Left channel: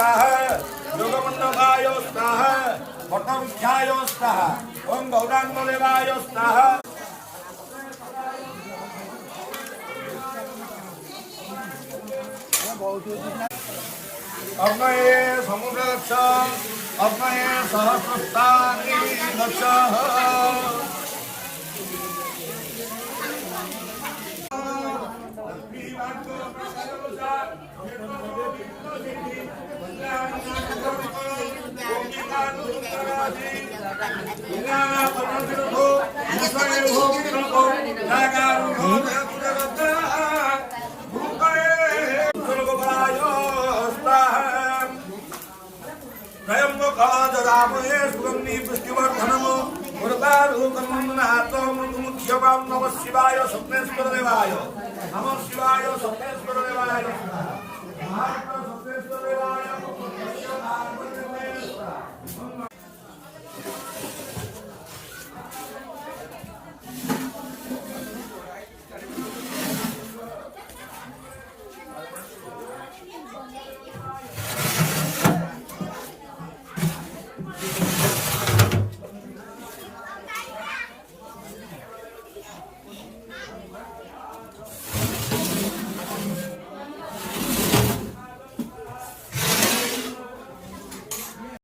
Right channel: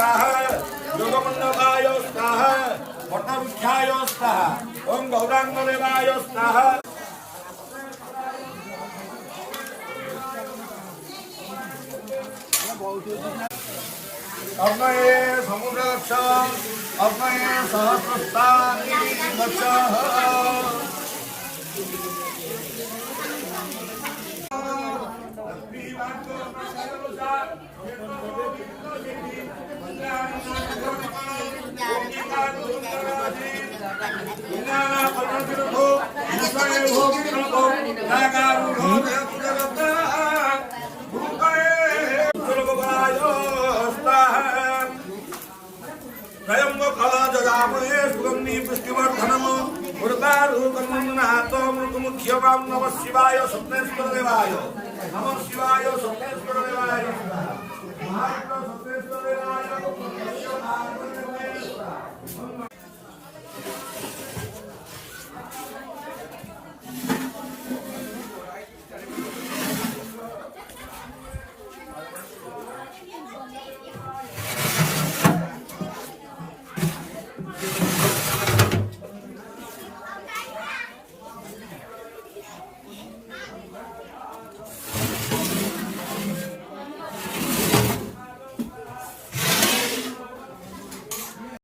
स्वाहा योगमंडपाय स्वाहा वटवृक्षाय स्वाहा ओम गौरांगदेवाय स्वाहा अग्नये समुद्रदक्षं अग्नये सरस्वती कलादरामुहे सुगंधी पुष्टिवर्धनमो उर्वारूकमन्नहातो मुखमुख्यवां नमः शिवाय सुप्रेश्वर देवाय नमः शिवाय